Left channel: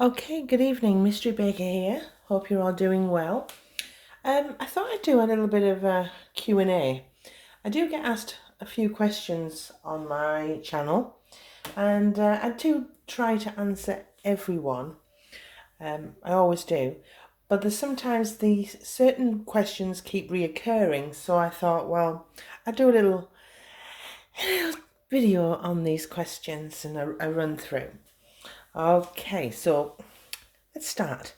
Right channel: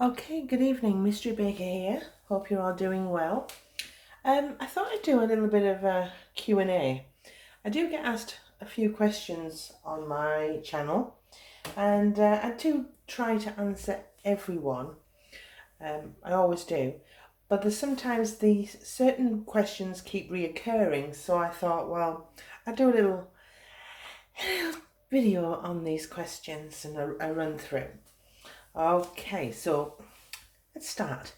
Okay, good evening, Mystery Baker here. Hope you're all doing well. I thought I'd do a little bit of a Q&A. I do get asked a few questions on my channel, and I do try to answer everyone. I always do. But there's sometimes these certain questions keep reoccurring, so I thought, well, I'd do a little video on these questions and a run through. Okay, so let's start.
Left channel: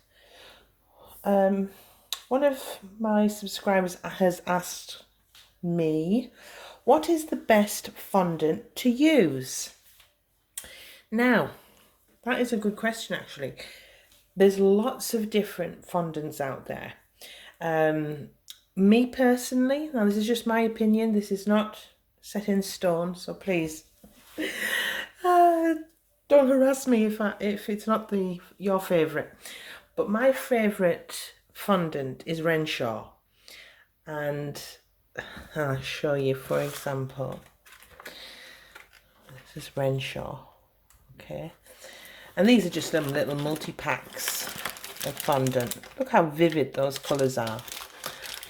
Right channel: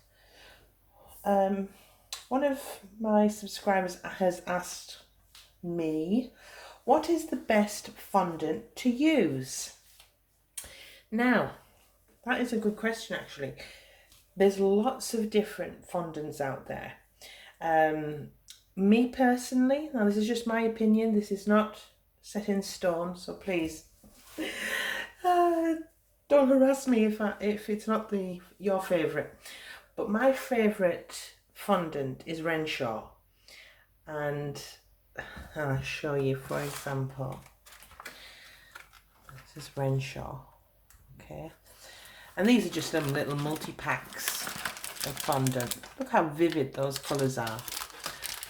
One of my subscribers has asked me, what is the best fondant to use? Now, that is a good question actually. There's lots of different fondants out there. Me personally, now this is just my opinion, this is not set in stone, so please don't harass me if it's not your favourite. But my favourite fondant is Renshaw, and I'll show you, for example, this is Renshaw, okay, and these are just them little multi-packs of fondant. Look how vivid those colours are.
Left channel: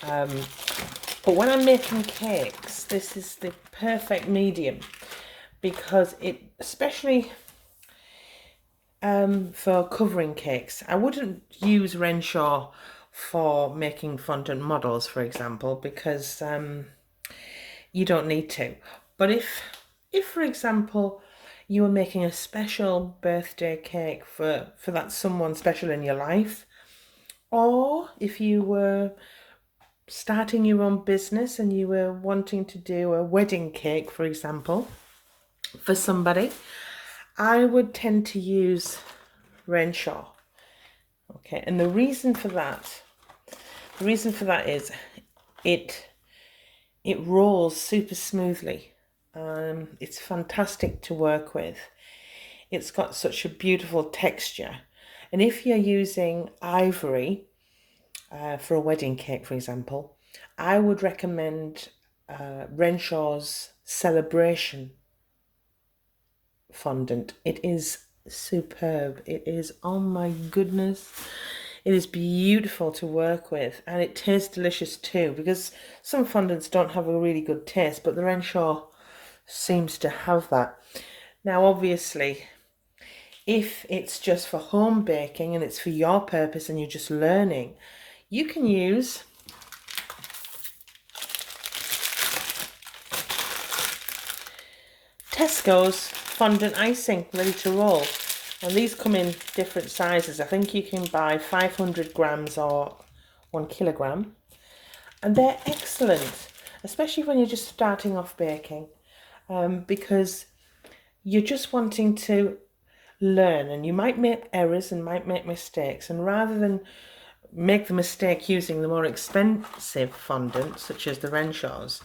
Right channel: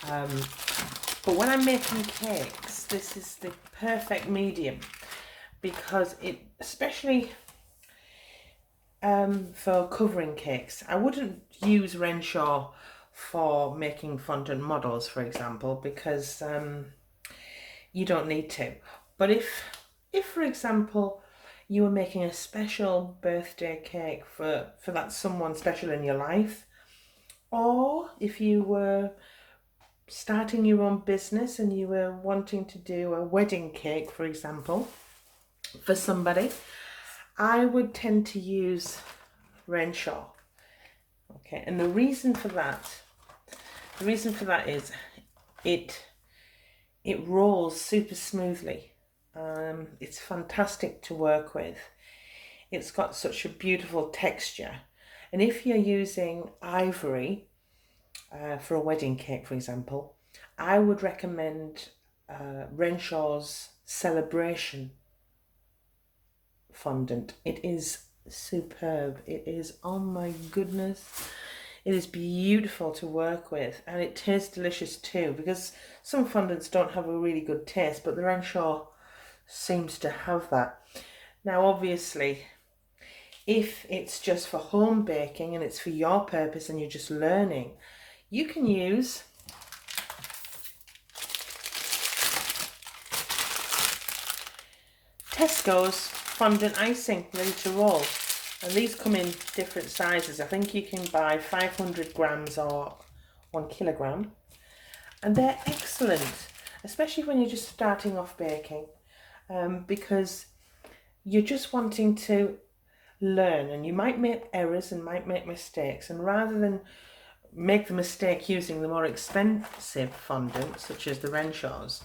But when I'm making cakes, this is the perfect medium, because it, especially for covering cakes, I wouldn't use Renshaw for making fondant models, for example, because you don't need to. But if for example, you were making a special birthday cake for that someone special in your life, or if you were starting your own business and you were wanting to do a wedding cake, for example, for somebody, I would tend to use Renshaw. Okay, and the reason for that is it rolls super smoothly. It's fantastic to work with. It's got such a beautiful texture. And if you're using ivory for a wedding cake, for example, I would recommend Renshaw's Celebration fondant. It is superb. It is, oh my goodness, it is beautiful to work with, and it tastes delicious too, because some fondants don't have a really good taste, but the Renshaw seems to have that. Now obviously, if it's just for home baking and it's for your purpose and you're just learning, you can use Tesco's Fondant Icing ready to roll. And these come in different sizes. I think you can buy 500 grams or 1 kilogram. And they're excellent, especially when you're just starting off baking, because you're just wanting to learn, and you might make errors and might make mistakes. And rather than make the mistake using the more expensive fondant, such as the Renshaws,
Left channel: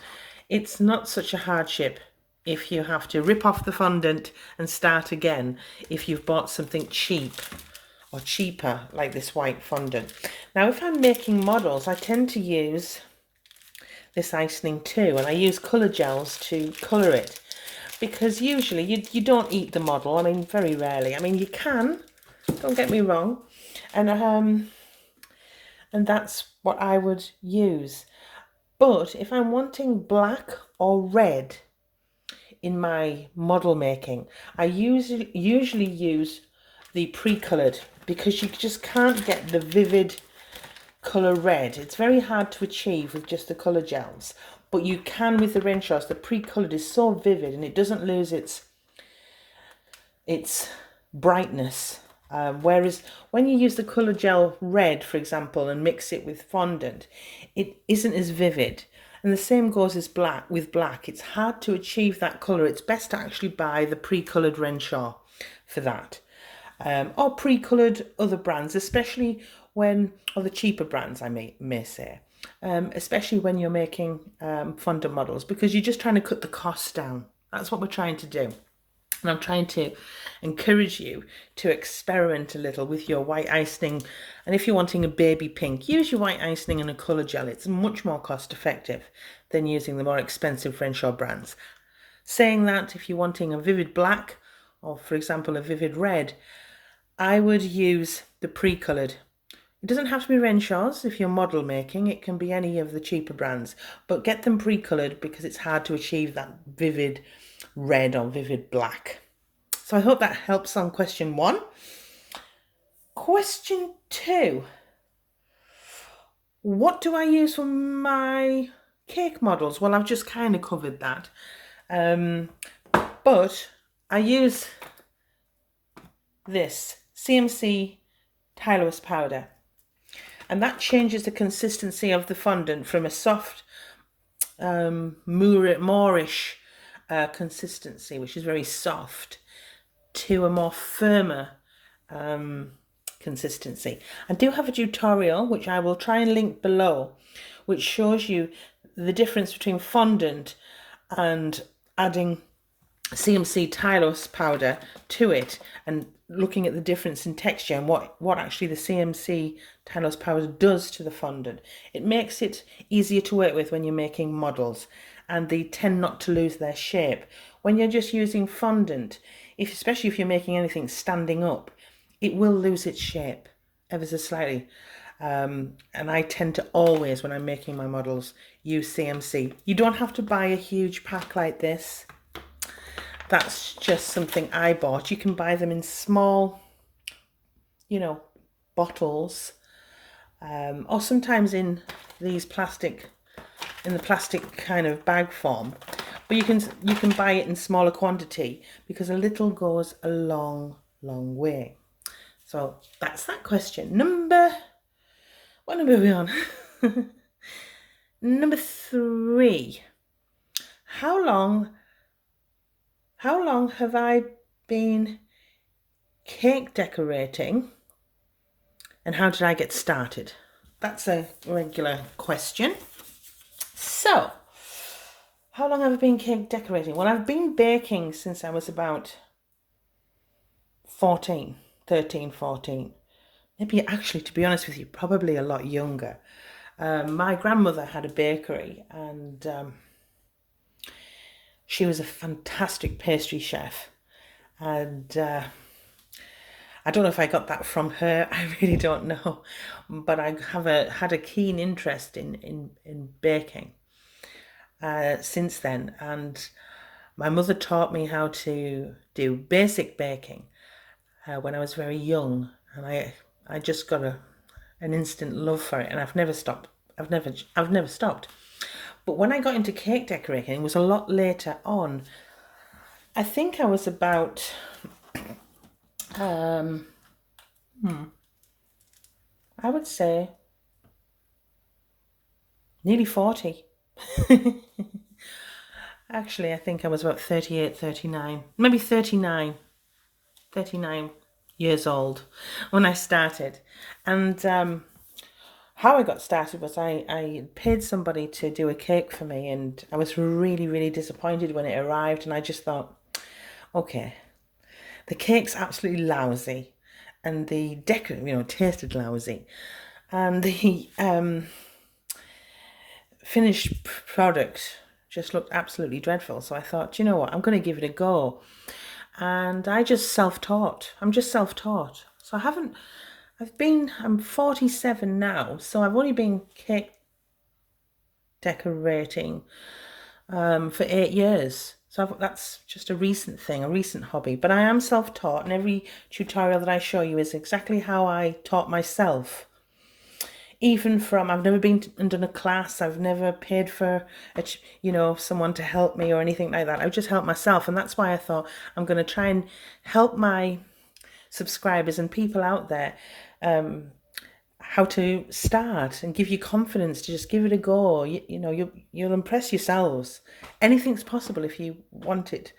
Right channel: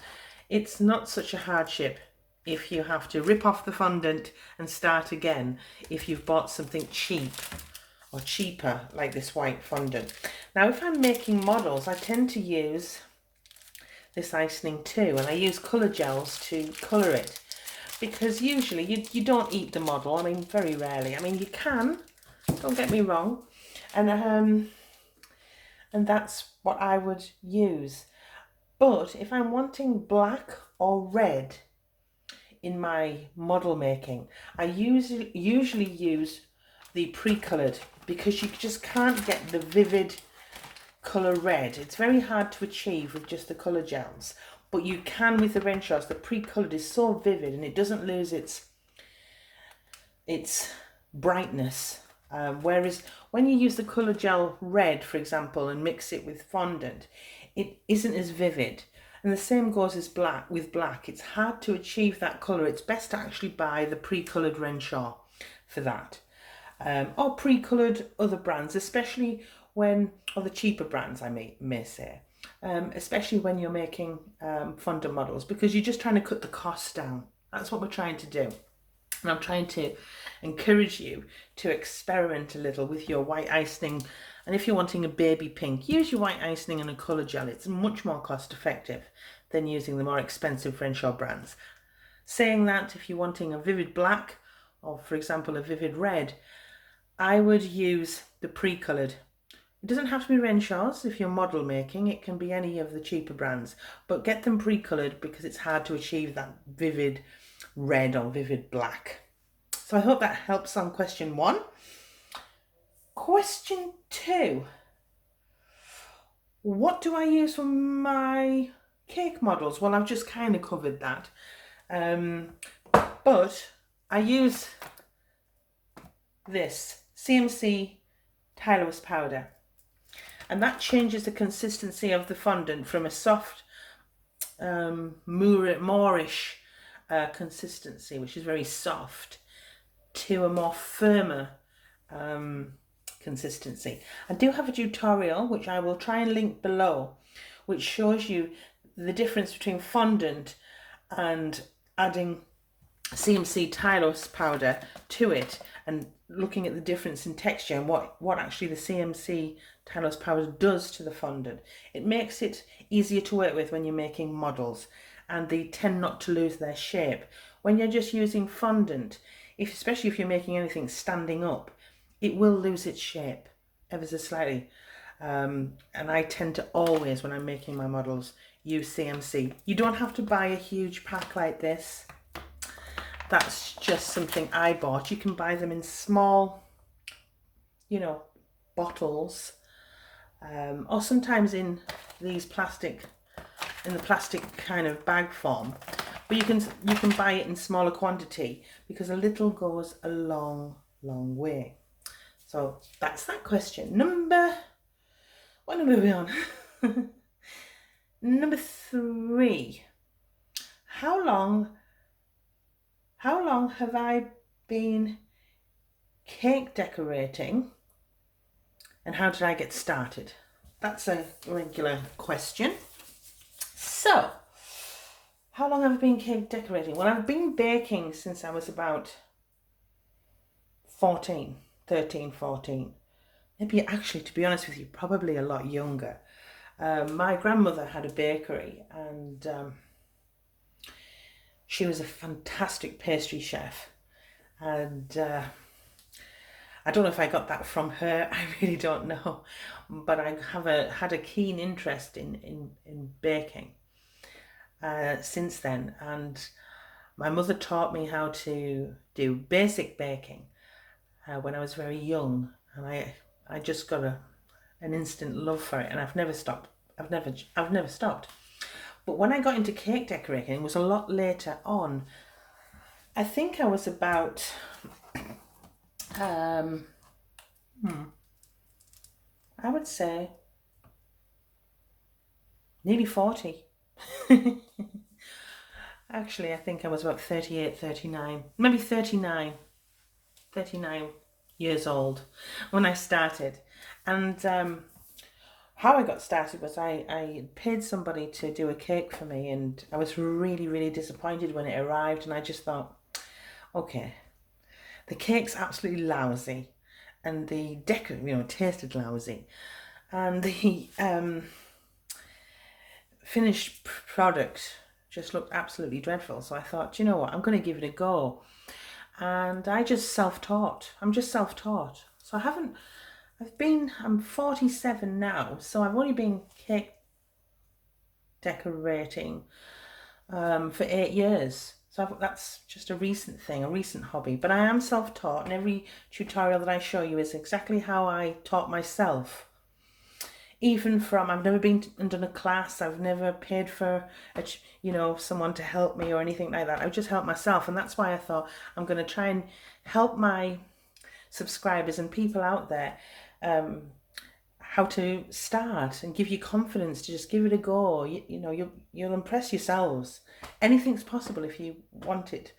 it's not such a hardship if you have to rip off the fondant and start again if you've bought something cheap or cheaper like this white fondant. Now if I'm making models, I tend to use this icing too, and I use colour gels to colour it, because usually you don't eat the model. I mean, very rarely. I mean, you can, don't get me wrong, and that's what I would use. But if I'm wanting black or red in my model making, I usually use the pre-coloured, because you just can't get the vivid colour red. It's very hard to achieve with just the colour gels, but you can with the Renshaws. The pre-coloured is so vivid and it doesn't lose its brightness. Whereas when you use the colour gel red, for example, and mix it with fondant, it isn't as vivid. And the same goes as black with black. It's hard to achieve that colour. It's best to actually buy the pre-coloured Renshaw for that. Or pre-coloured other brands, especially when, or the cheaper brands I may say, especially when you're making fondant models, because you're just trying to cut the cost down. That's what we're trying to do. And I'm trying to encourage you to experiment a little with your white icing. And if you're wanting a baby pink, use your white icing and a colour gel. It's much more cost effective than using the more expensive Renshaw brands. Saying that, if you're wanting a vivid black, or for example a vivid red, I would use the pre-coloured. It doesn't have to be Renshaw's if you're model making. It can be any of the cheaper brands. But get them pre-coloured because it's hard to achieve that vivid red or vivid black. So I hope that helps on question 1. Question 2. What do I use for my cake models? Well, I've just kind of covered that. But I use this CMC Tylose powder. And that changes the consistency of the fondant from a soft, moorish consistency, which is very soft, to a more firmer consistency. I do have a tutorial, which I will try and link below, which shows you the difference between fondant and adding CMC Tylose powder to it, and looking at the difference in texture and what actually the CMC Tylose powder does to the fondant. It makes it easier to work with when you're making models, and they tend not to lose their shape. When you're just using fondant, especially if you're making anything standing up, it will lose its shape ever so slightly. And I tend to always, when I'm making my models, use CMC. You don't have to buy a huge pack like this. That's just something I bought. You can buy them in small, bottles, or sometimes in these plastic kind of bag form. But you can buy it in smaller quantity because a little goes a long, long way. So that's that question. What number are we on? Number 3. How long have I been cake decorating, and how did I get started? That's a regular question. So, how long have I been cake decorating? Well, I've been baking since I was about 13, 14. Maybe actually, to be honest with you, probably a lot younger. My grandmother had a bakery, and she was a fantastic pastry chef. And I don't know if I got that from her. I really don't know. But I had a keen interest in baking since then. And my mother taught me how to do basic baking when I was very young. And I just got an instant love for it, and I've never stopped. I've never stopped. But when I got into cake decorating, it was a lot later on. I think I was about I would say nearly 40. Actually, I think I was about 38, 39, maybe 39 years old when I started. And how I got started was I paid somebody to do a cake for me, and I was really, really disappointed when it arrived, and I just thought, okay, the cake's absolutely lousy, and the tasted lousy, and the finished product just looked absolutely dreadful. So I thought, you know what, I'm going to give it a go. And I'm just self-taught. So I'm 47 now, so I've only been cake decorating for 8 years. So that's just a recent thing, a recent hobby. But I am self-taught, and every tutorial that I show you is exactly how I taught myself. Even from, I've never been and done a class, I've never paid for, someone to help me or anything like that. I've just helped myself, and that's why I thought I'm going to try and help my subscribers and people out there how to start and give you confidence to just give it a go. You'll impress yourselves. Anything's possible if you want it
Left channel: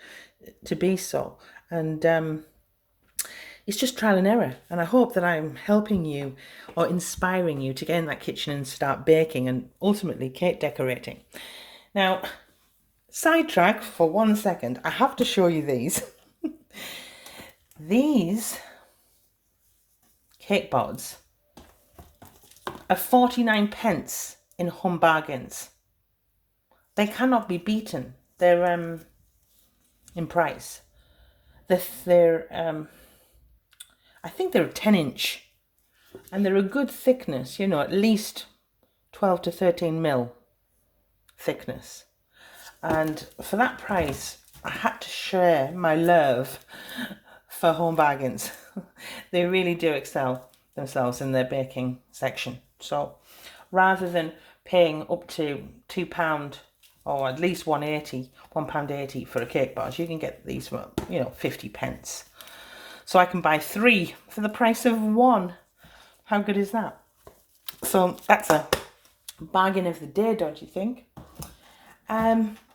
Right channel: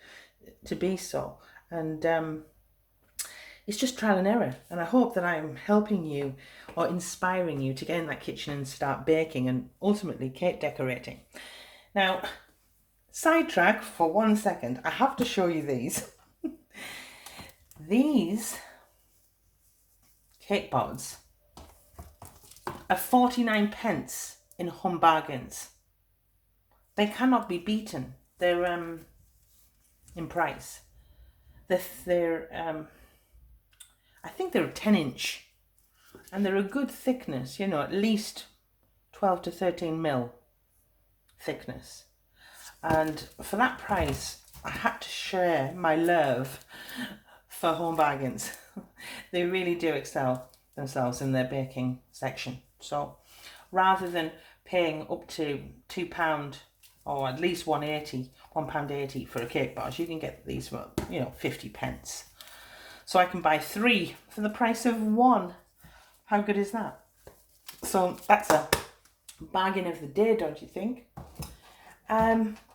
to be so. And it's just trial and error. And I hope that I'm helping you or inspiring you to get in that kitchen and start baking and ultimately cake decorating. Now, sidetrack for 1 second. I have to show you these. These cake pods are 49 pence in Home Bargains. They cannot be beaten. They're in price. I I think they're a 10-inch. And they're a good thickness, you know, at least 12 to 13 mil thickness. And for that price, I had to share my love for Home Bargains. They really do excel themselves in their baking section. So rather than paying up to £2 or at least £1.80 for a cake boss, you can get these for, you know, 50 pence. So I can buy 3 for the price of 1. How good is that? So that's a bargain of the day, don't you think?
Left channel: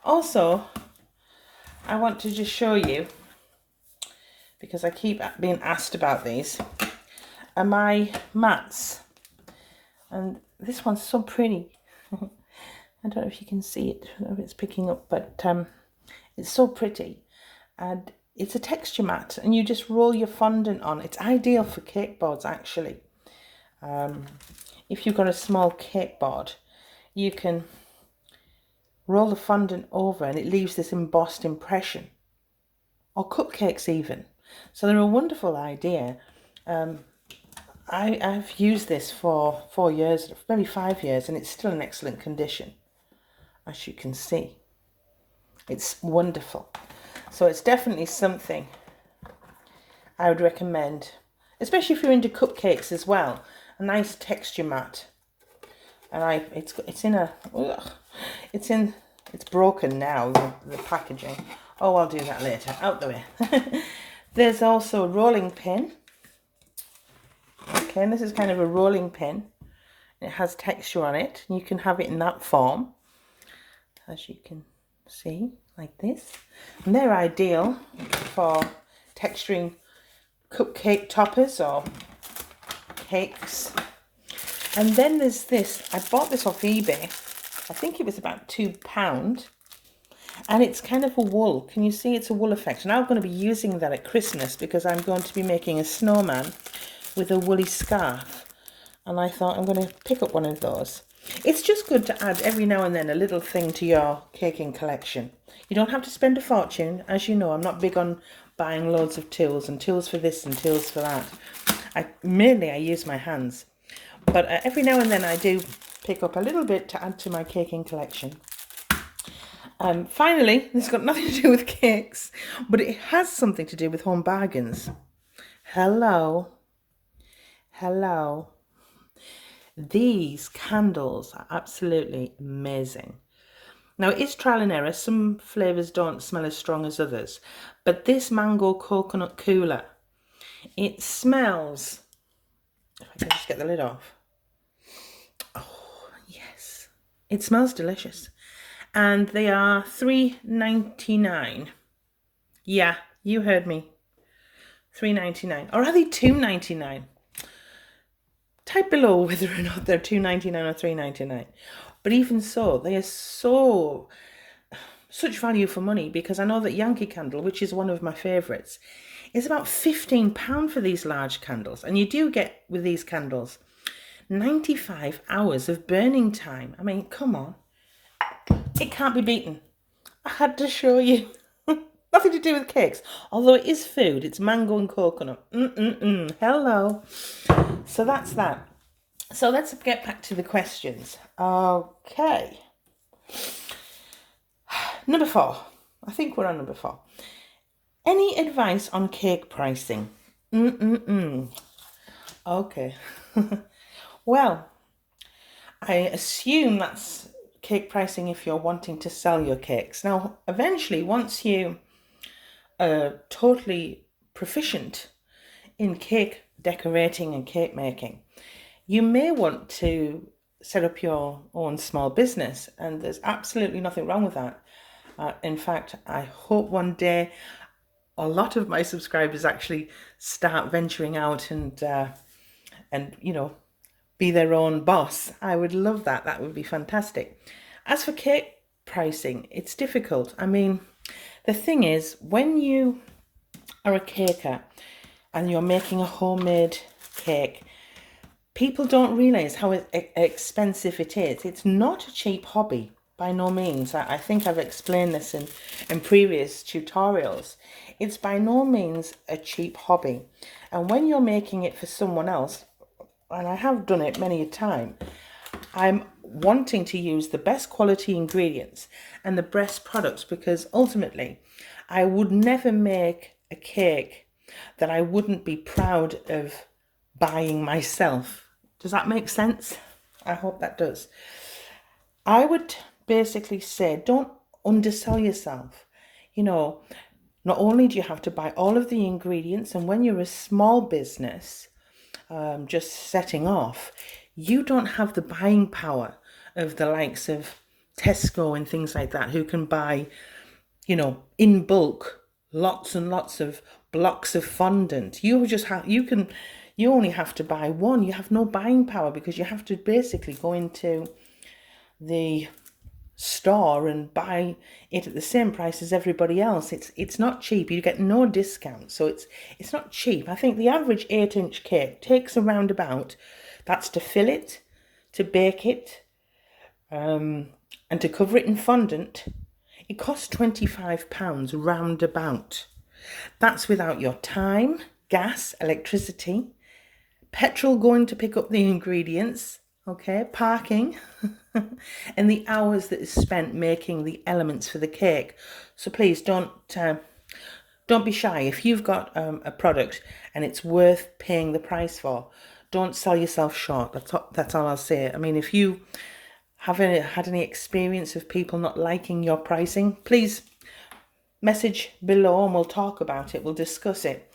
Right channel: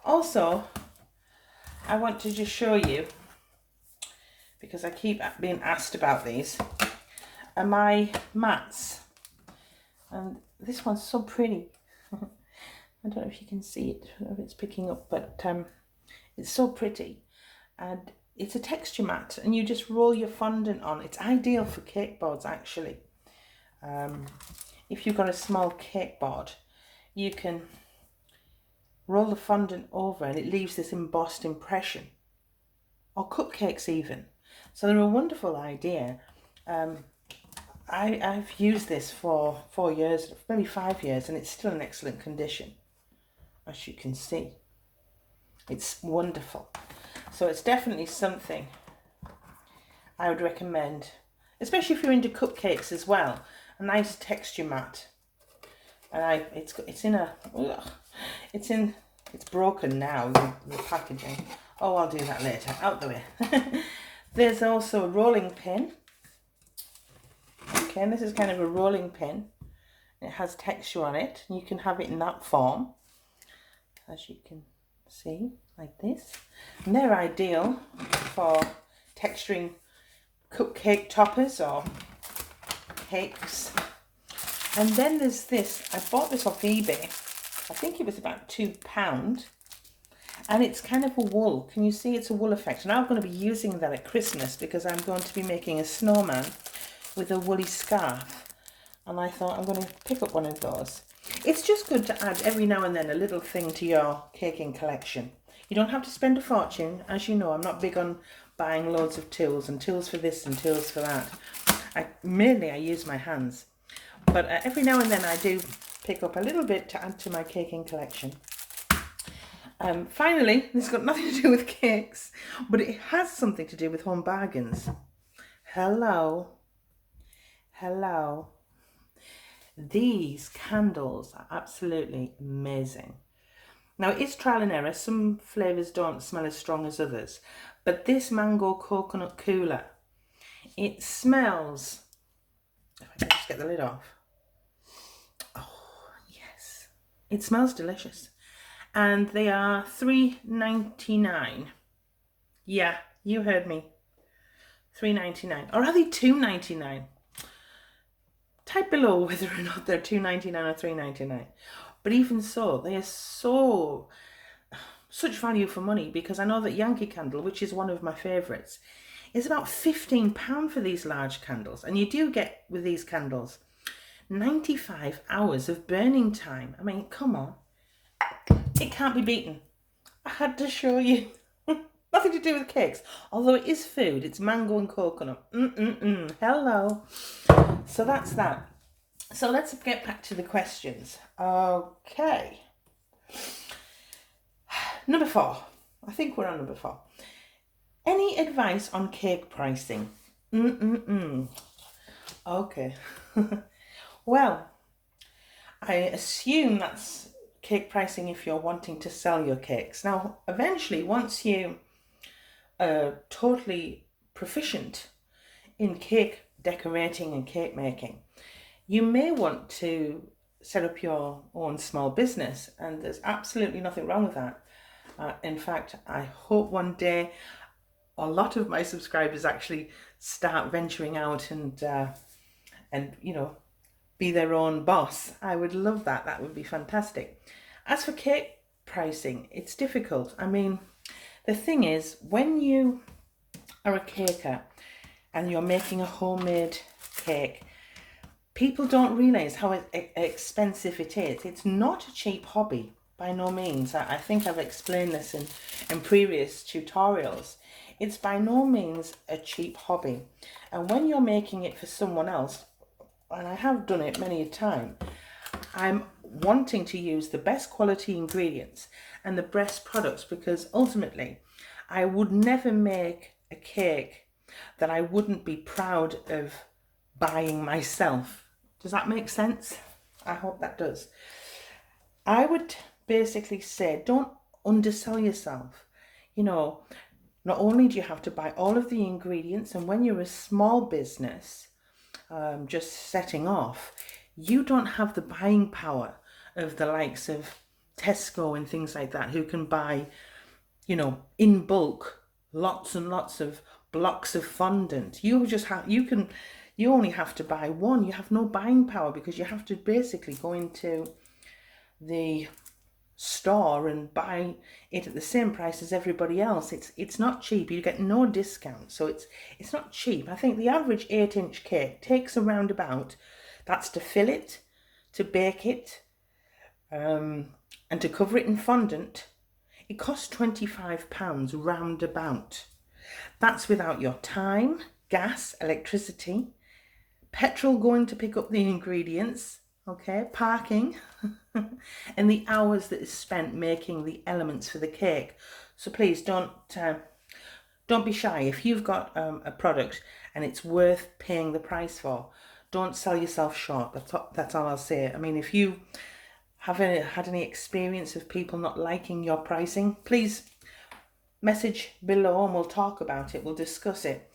Also, I want to just show you, because I keep being asked about these, are my mats. And this one's so pretty. I don't know if you can see it, I don't know if it's picking up, but it's so pretty. And it's a texture mat, and you just roll your fondant on. It's ideal for cake boards, actually. If you've got a small cake board, you can roll the fondant over and it leaves this embossed impression, or cupcakes even. So they're a wonderful idea. I've used this for 4 years, maybe 5 years, and it's still in excellent condition, as you can see. It's wonderful. So it's definitely something I would recommend, especially if you're into cupcakes as well. A nice texture mat. And it's broken now, the packaging. Oh, I'll do that later, out the way. There's also a rolling pin. Okay, and this is kind of a rolling pin. It has texture on it, and you can have it in that form, as you can see, like this. And they're ideal for texturing cupcake toppers or cakes. And then there's this. I bought this off eBay. I think it was about £2. And it's kind of a wool. Can you see it's a wool effect? And I'm going to be using that at Christmas because I'm going to be making a snowman with a woolly scarf. And I thought I'm going to pick up one of those. It's just good to add every now and then a little thing to your caking collection. You don't have to spend a fortune. As you know, I'm not big on buying loads of tools and tools for this and tools for that. Mainly I use my hands. But every now and then I do pick up a little bit to add to my caking collection. Finally, this has got nothing to do with cakes, but it has something to do with Home Bargains. Hello. Hello. These candles are absolutely amazing. Now, it's trial and error. Some flavours don't smell as strong as others. But this mango coconut cooler, it smells... If I can just get the lid off. Oh, yes. It smells delicious. And they are $3.99. Yeah, you heard me. $3.99. Or are they $2.99? Type below whether or not they're $2.99 or $3.99. But even so, they are such value for money, because I know that Yankee Candle, which is one of my favourites, is about £15 for these large candles. And you do get, with these candles, 95 hours of burning time. I mean, come on. It can't be beaten. I had to show you. Nothing to do with cakes. Although it is food. It's mango and coconut. Hello. So that's that. So let's get back to the questions. Okay. Number 4. I think we're on number 4. Any advice on cake pricing? Okay. Well, I assume that's cake pricing if you're wanting to sell your cakes. Now, eventually, once you are totally proficient in cake decorating and cake making, you may want to set up your own small business, and there's absolutely nothing wrong with that. In fact, I hope one day a lot of my subscribers actually start venturing out and you know, be their own boss. I would love that. That would be fantastic. As for cake pricing, it's difficult. I mean, the thing is, when you are a caker and you're making a homemade cake, people don't realise how expensive it is. It's not a cheap hobby, by no means. I think I've explained this in previous tutorials. It's by no means a cheap hobby. And when you're making it for someone else, and I have done it many a time, I'm wanting to use the best quality ingredients and the best products, because ultimately I would never make a cake that I wouldn't be proud of buying myself. Does that make sense? I hope that does. I would basically say, don't undersell yourself. You know, not only do you have to buy all of the ingredients, and when you're a small business, just setting off, you don't have the buying power of the likes of Tesco and things like that, who can buy, you know, in bulk, lots and lots of blocks of fondant. You only have to buy one. You have no buying power, because you have to basically go into the store and buy it at the same price as everybody else. It's not cheap. You get no discount, so it's not cheap. I think the average 8-inch cake takes around about, that's to fill it, to bake it, and to cover it in fondant. It costs £25 roundabout. That's without your time, gas, electricity, petrol going to pick up the ingredients, okay, parking, and the hours that is spent making the elements for the cake. So please don't be shy. If you've got a product and it's worth paying the price for, don't sell yourself short. That's all I'll say. I mean, if you haven't had any experience of people not liking your pricing, please message below and we'll talk about it. We'll discuss it,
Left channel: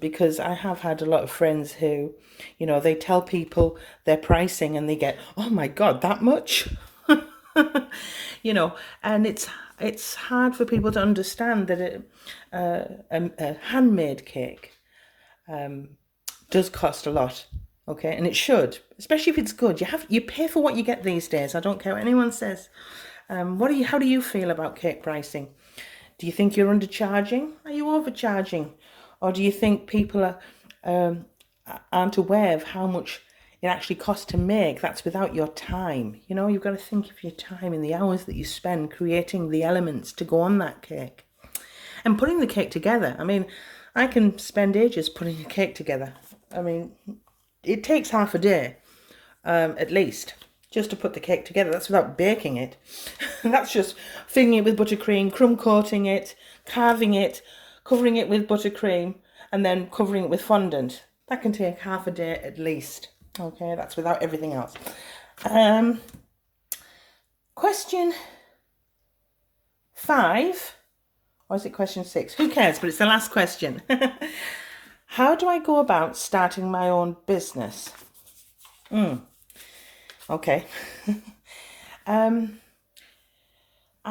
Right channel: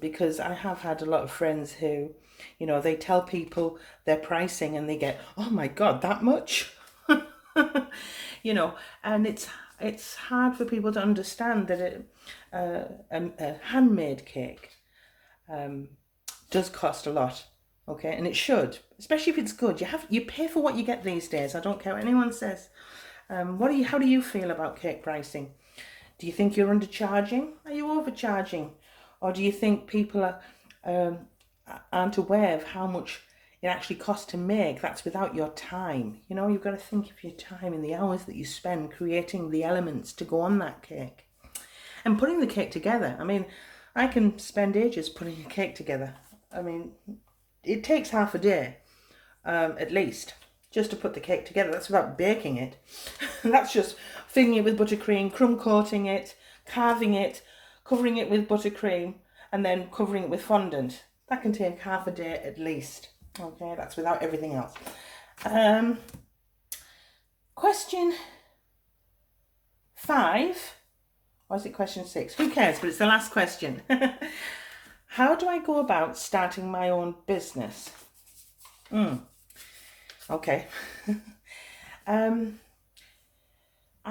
because I have had a lot of friends who, you know, they tell people their pricing and they get, oh my God, that much? You know, and it's hard for people to understand that a handmade cake does cost a lot, okay, and it should, especially if it's good. You pay for what you get these days. I don't care what anyone says. How do you feel about cake pricing? Do you think you're undercharging? Are you overcharging? Or do you think people aren't aware of how much it actually costs to make? That's without your time. You know, you've got to think of your time and the hours that you spend creating the elements to go on that cake. And putting the cake together. I mean, I can spend ages putting a cake together. I mean, it takes half a day, at least, just to put the cake together. That's without baking it. That's just filling it with buttercream, crumb coating it, carving it, covering it with buttercream, and then covering it with fondant. That can take half a day at least. Okay, that's without everything else. Question 5, or is it question 6? Who cares? But it's the last question. How do I go about starting my own business? Okay. I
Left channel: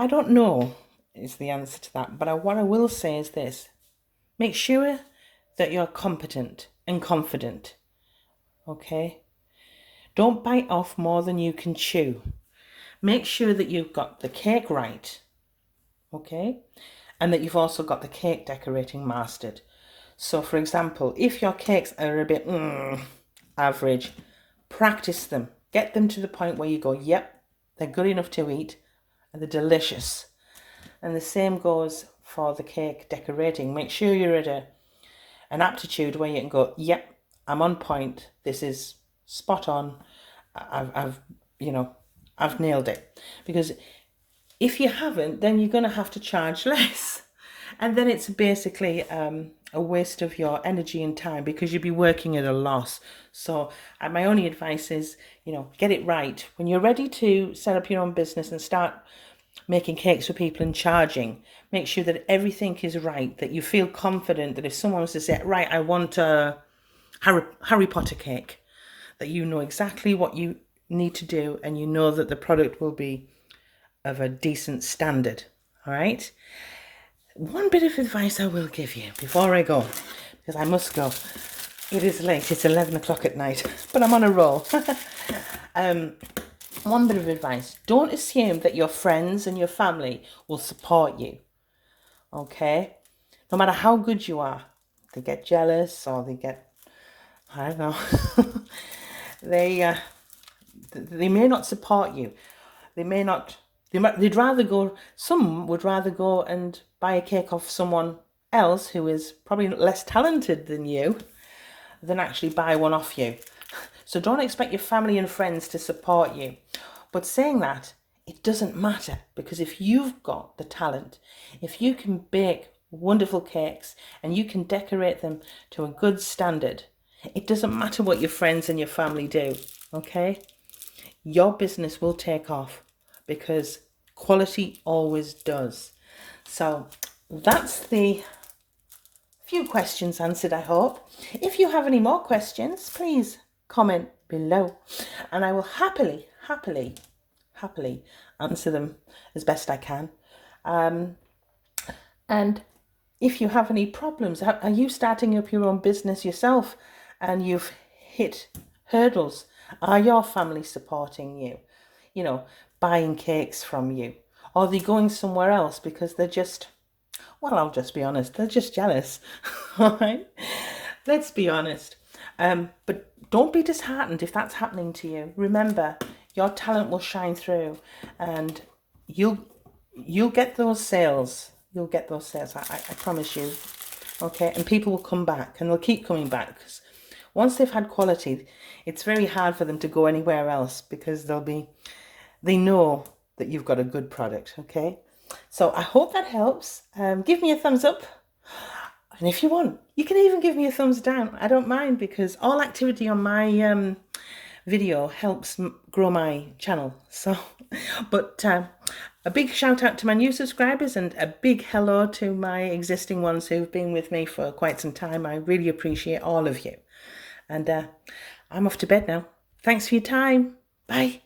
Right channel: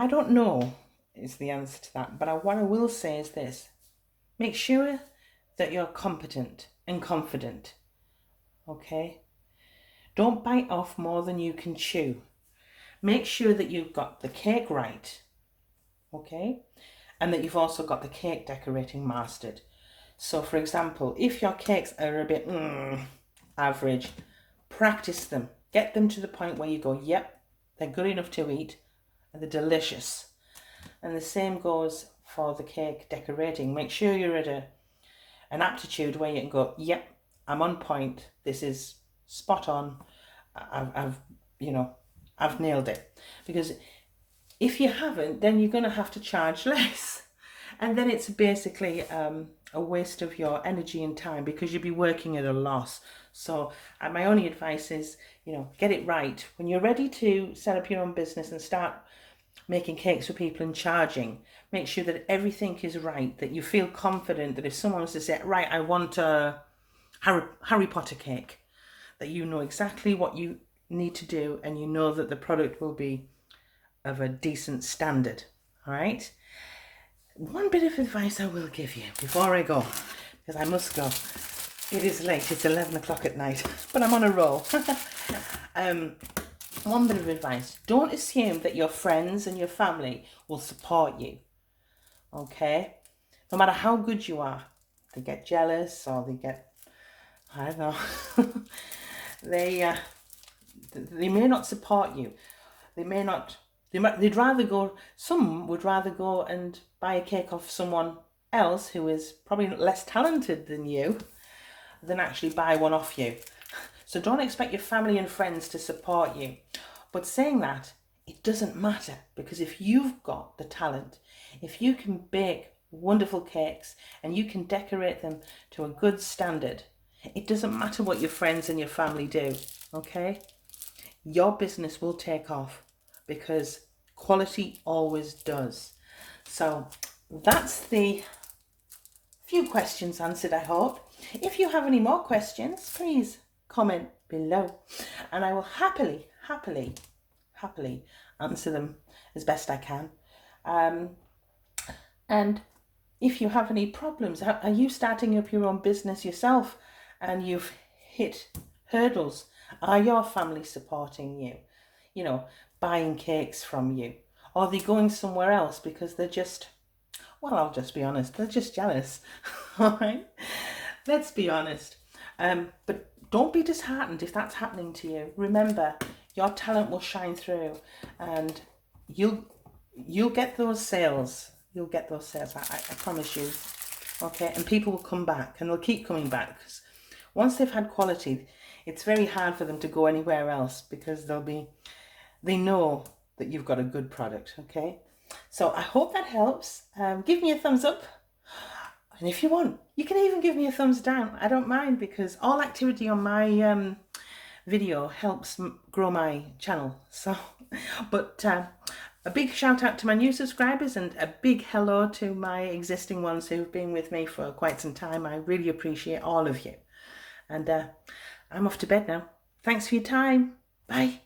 don't know is the answer to that, but what I will say is this. Make sure that you're competent and confident, okay? Don't bite off more than you can chew. Make sure that you've got the cake right, okay? And that you've also got the cake decorating mastered. So, for example, if your cakes are a bit average, practice them. Get them to the point where you go, yep, they're good enough to eat and they're delicious. And the same goes for the cake decorating. Make sure you're at an aptitude where you can go, yep, I'm on point. This is spot on. I've nailed it. Because if you haven't, then you're going to have to charge less. And then it's basically a waste of your energy and time, because you'll be working at a loss. So my only advice is, get it right. When you're ready to set up your own business and start making cakes for people and charging, make sure that everything is right, that you feel confident that if someone was to say, right, I want a Harry Potter cake, that you know exactly what you need to do and you know that the product will be of a decent standard. All right? One bit of advice I will give you before I go, because I must go. It is late, it's 11 o'clock at night, but I'm on a roll. One bit of advice, don't assume that your friends and your family will support you, okay? No matter how good you are, they get jealous or they get, I don't know, they may not support you. Some would rather go and buy a cake off someone else who is probably less talented than you, than actually buy one off you. So don't expect your family and friends to support you. But saying that, it doesn't matter, because if you've got the talent, if you can bake wonderful cakes and you can decorate them to a good standard, it doesn't matter what your friends and your family do, okay? Your business will take off because quality always does. So that's the few questions answered, I hope. If you have any more questions, please comment below and I will happily answer them as best I can. And if you have any problems, are you starting up your own business yourself and you've hit hurdles? Are your family supporting you? You know, buying cakes from you? Or are they going somewhere else because they're just, well, I'll just be honest, they're just jealous. All right? Let's be honest. But don't be disheartened if that's happening to you. Remember, your talent will shine through and you'll get those sales. You'll get those sales, I promise you. Okay, and people will come back and they'll keep coming back because once they've had quality, it's very hard for them to go anywhere else because they know that you've got a good product, okay? So I hope that helps. Give me a thumbs up. And if you want, you can even give me a thumbs down. I don't mind because all activity on my video helps grow my channel. So, but a big shout out to my new subscribers and a big hello to my existing ones who've been with me for quite some time. I really appreciate all of you. And I'm off to bed now. Thanks for your time. Bye.